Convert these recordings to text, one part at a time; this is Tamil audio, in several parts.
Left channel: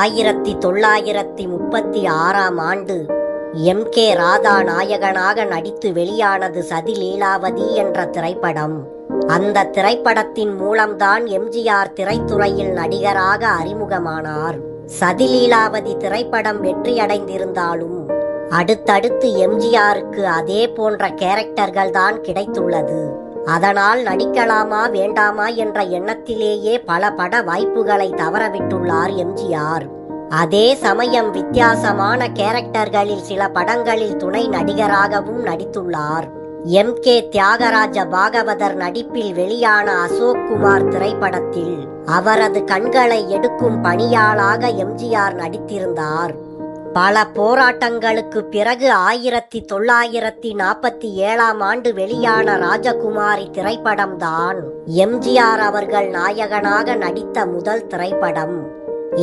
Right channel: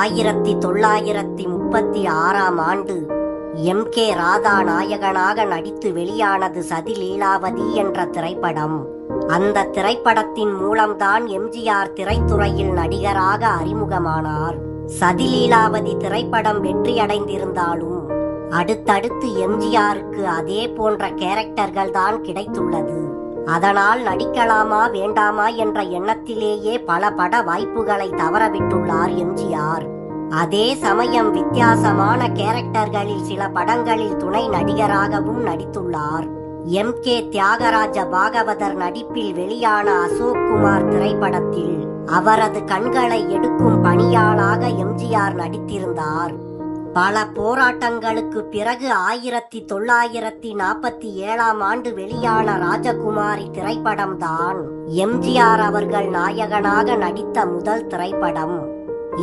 1936ஆம் ஆண்டு கே. ராதா நாயகனாக நடித்து வெளியானது சதிலீலாவதி என்ற திரைப்படம். அந்த திரைப்படத்தின் மூலம்தான் எம்ஜிஆர் திரைத்துறையில் நடிகராக அறிமுகமானார். சதிலீலாவதி திரைப்படம் வெற்றியடைந்திருந்தாலும் அடுத்தடுத்து எம்ஜிஆருக்கு அதே போன்ற கேரக்டர்கள் தான் கிடைத்துள்ளது. அதனால் நடிக்கலாமா வேண்டாமா என்ற எண்ணத்திலேயே பல பட வாய்ப்புகளை தவறவிட்டுள்ளார் எம்ஜிஆர். அதே சமயம் வித்தியாசமான கேரக்டர்களில் சில படங்களில் துணை நடிகராகவும் நடித்துள்ளார். கே. தியாகராஜ பாகவதர் நடிப்பில் வெளியான அசோக் குமார் திரைப்படத்தில் அவரது கண்களை எடுக்கும் பணியாளாக எம்ஜிஆர் நடித்திருந்தார். பல போராட்டங்களுக்கு பிறகு 1947ஆம் ஆண்டு வெளியான ராஜகுமாரி திரைப்படம்தான் எம்ஜிஆர் அவர்கள் நாயகனாக நடித்த முதல் திரைப்படம்.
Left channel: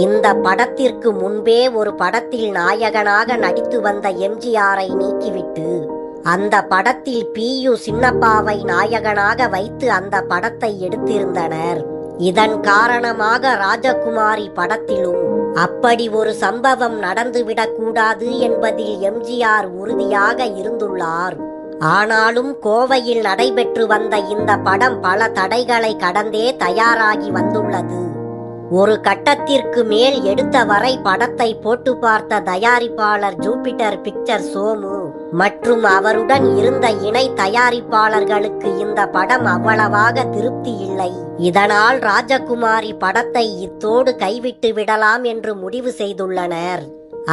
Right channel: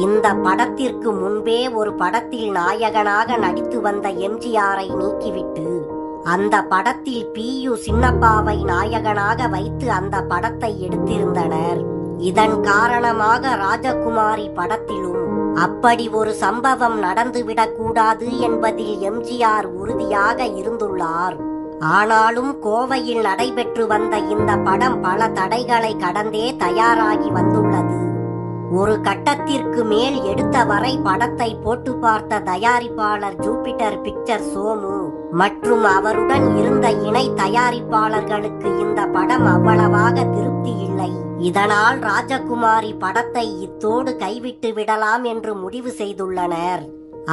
இந்த படத்திற்கு முன்பே ஒரு படத்தில் நாயகனாக நடித்து வந்த எம்ஜிஆரை நீக்கிவிட்டு அந்த படத்தில் PU சின்னப்பாவை நாயகனாக வைத்து அந்த படத்தை எடுத்திருந்தனர். இதன் காரணமாக ராஜகுமாரி படத்திலும் அப்படி ஒரு சம்பவம் நடந்துவிடக்கூடாது என்பதில் எம்ஜிஆர் உறுதியாக இருந்துள்ளார். ஆனாலும் கோவையில் நடைபெற்று வந்த இந்த படம் பல தடைகளை கடந்தே தயாராகி வந்துள்ளது. ஒரு கட்டத்திற்கு மேல் எடுத்த வரை படத்தை போட்டு பார்த்த தயாரிப்பாளர் ஜூபிட்டர் பிக்சர் சோமு மற்றும் அவருடன் இருந்த இணை தயாரிப்பாளர்களுக்கு இந்த படம் அவ்வளவாக திருப்தி இல்லை. இதனால் ராஜகுமாரி படத்தை இத்தோடு கைவிட்டு விடலாம் என்று முடிவு செய்துள்ளனர்.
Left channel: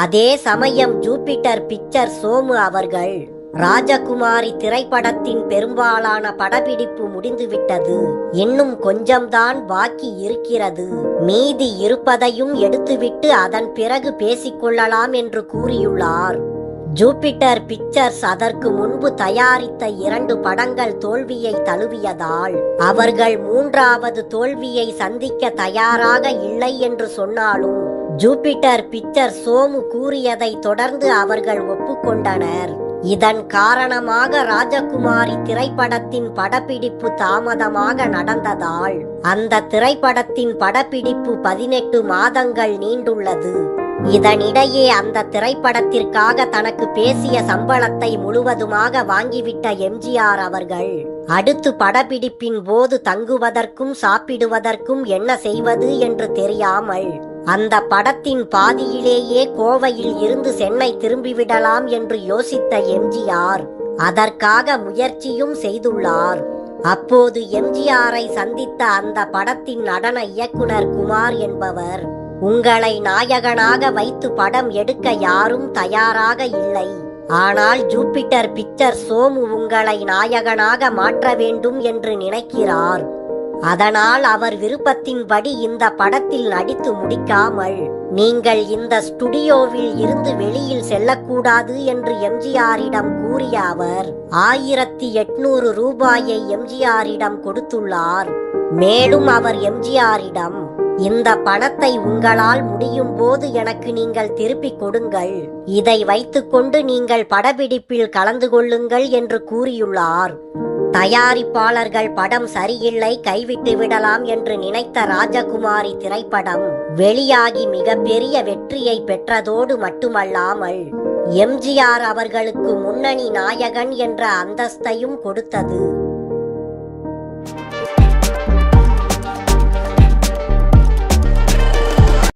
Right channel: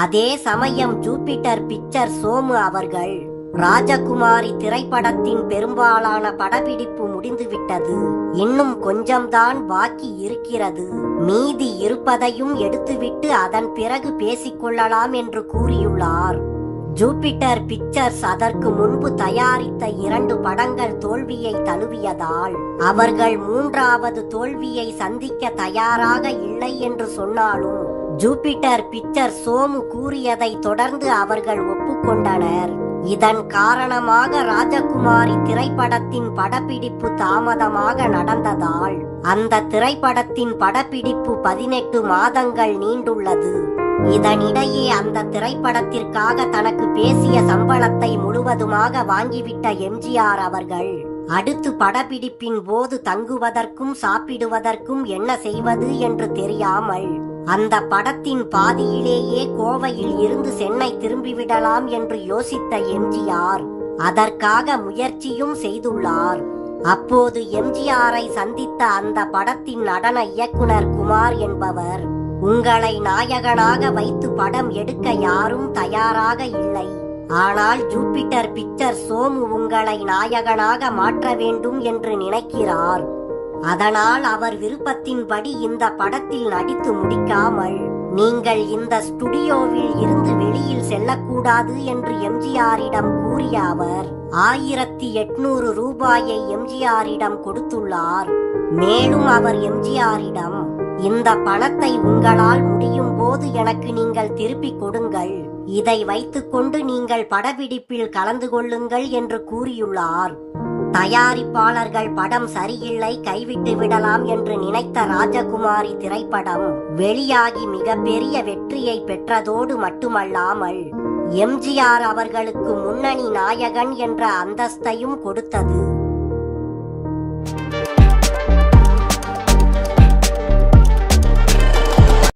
அதே சமயம் ஜூபிட்டர் பிக்சர் சோமு அவர்கள் ராஜகுமாரி திரைப்படத்தின் பெரும்பாலான படப்பிடிப்பு முடிந்துவிட்டது, இன்னும் கொஞ்சம்தான் பாக்கி இருக்கிறது, மீதி இருப்பதையும் எடுத்துவிட்டு அதன் பிறகு பேசிக்கொள்ளலாம் என்று கூறியுள்ளார். ஜூபிட்டர் பிக்சர்ஸ் அதற்கு முன்பு தயாரித்த 2 படங்கள் தோல்வியை தழுவியதால் அவர்கள் 3வது தோல்வியை சந்திக்க தயாராக இல்லை என்று சொன்னாலும் ஜூபிட்டர் பிக்சர் சோமு கூறியதை தொடர்ந்து அவர்கள் ஒப்புக்கொண்டனர். இதன் காரணமாக ராஜகுமாரி திரைப்படத்தின் படப்பிடிப்பு தாமதமாக நடந்ததால் அந்த திரைப்படத்தின் படப்பிடிப்பு 18 மாதங்கள் நீண்டுள்ளது. இதனிடையே அந்த திரைப்படத்திற்காக தனக்கு பேசிய சம்பளத்தை முழுவதுமாக வாங்கிவிட்ட எம்ஜிஆர் அவர்கள் அடுத்து படப்பிடிப்பின் போது தங்குவதற்கும் சாப்பிடுவதற்கும் என்ன செய்வது என்று தெரியாமல் அந்த படத்தின் பாதியிலேயே கோவையில் இருந்து சென்னை திரும்பிவிடலாம் என்று யோசித்த எம்ஜிஆர் அதற்காக முயற்சியும் செய்துள்ளார். அப்போது எம்ஜிஆரை சந்தித்த அந்த படத்தின் நடன இயக்குனர் குமார் என்பவர், உங்களை நாயகனாக வைத்து படம் எடுக்க யாரும் தயாராக இல்லை, ஆனால் ஜூபிட்டர் பிக்சர் சோமு உங்களை நாயகனாக மாற்ற வேண்டும் என்று நினைக்கிறார். அதனால் அவர் விருப்பத்தின்படி இந்த படத்தில் நடித்து முடிக்காமல் நீங்கள் இந்த ஸ்டுடியோவில் இருந்து வெளியில் செல்லக்கூடாது என்று எம்ஜிஆரிடம் கூறிய அவர் 1800 ரூபாயை எம்ஜிஆரிடம் கொடுத்துள்ளார். மேலும் அவர் எம்ஜிஆரிடம், இந்த பணத்தை உங்களால் முடியும் போது எனக்கு நீங்கள் திருப்பிக் கொடுங்கள், இதை வைத்துக்கொண்டு நீங்கள் படப்பிடிப்பில் கலந்து கொள்ளுங்கள் என்று கூறியுள்ளார். தயாரிப்பாளர்கள் படம் சரியில்லை, கைவிட்டு விடலாம் என்று நினைத்த ராஜகுமாரி திரைப்படம் வெளியாகி மிகப்பெரிய வெற்றியை பெற்றதோடு மட்டுமல்லாமல் எம்ஜிஆர் அவர்களுக்கு முன்னணி நாயகன் என்ற அந்தஸ்தையும் கொடுத்தது.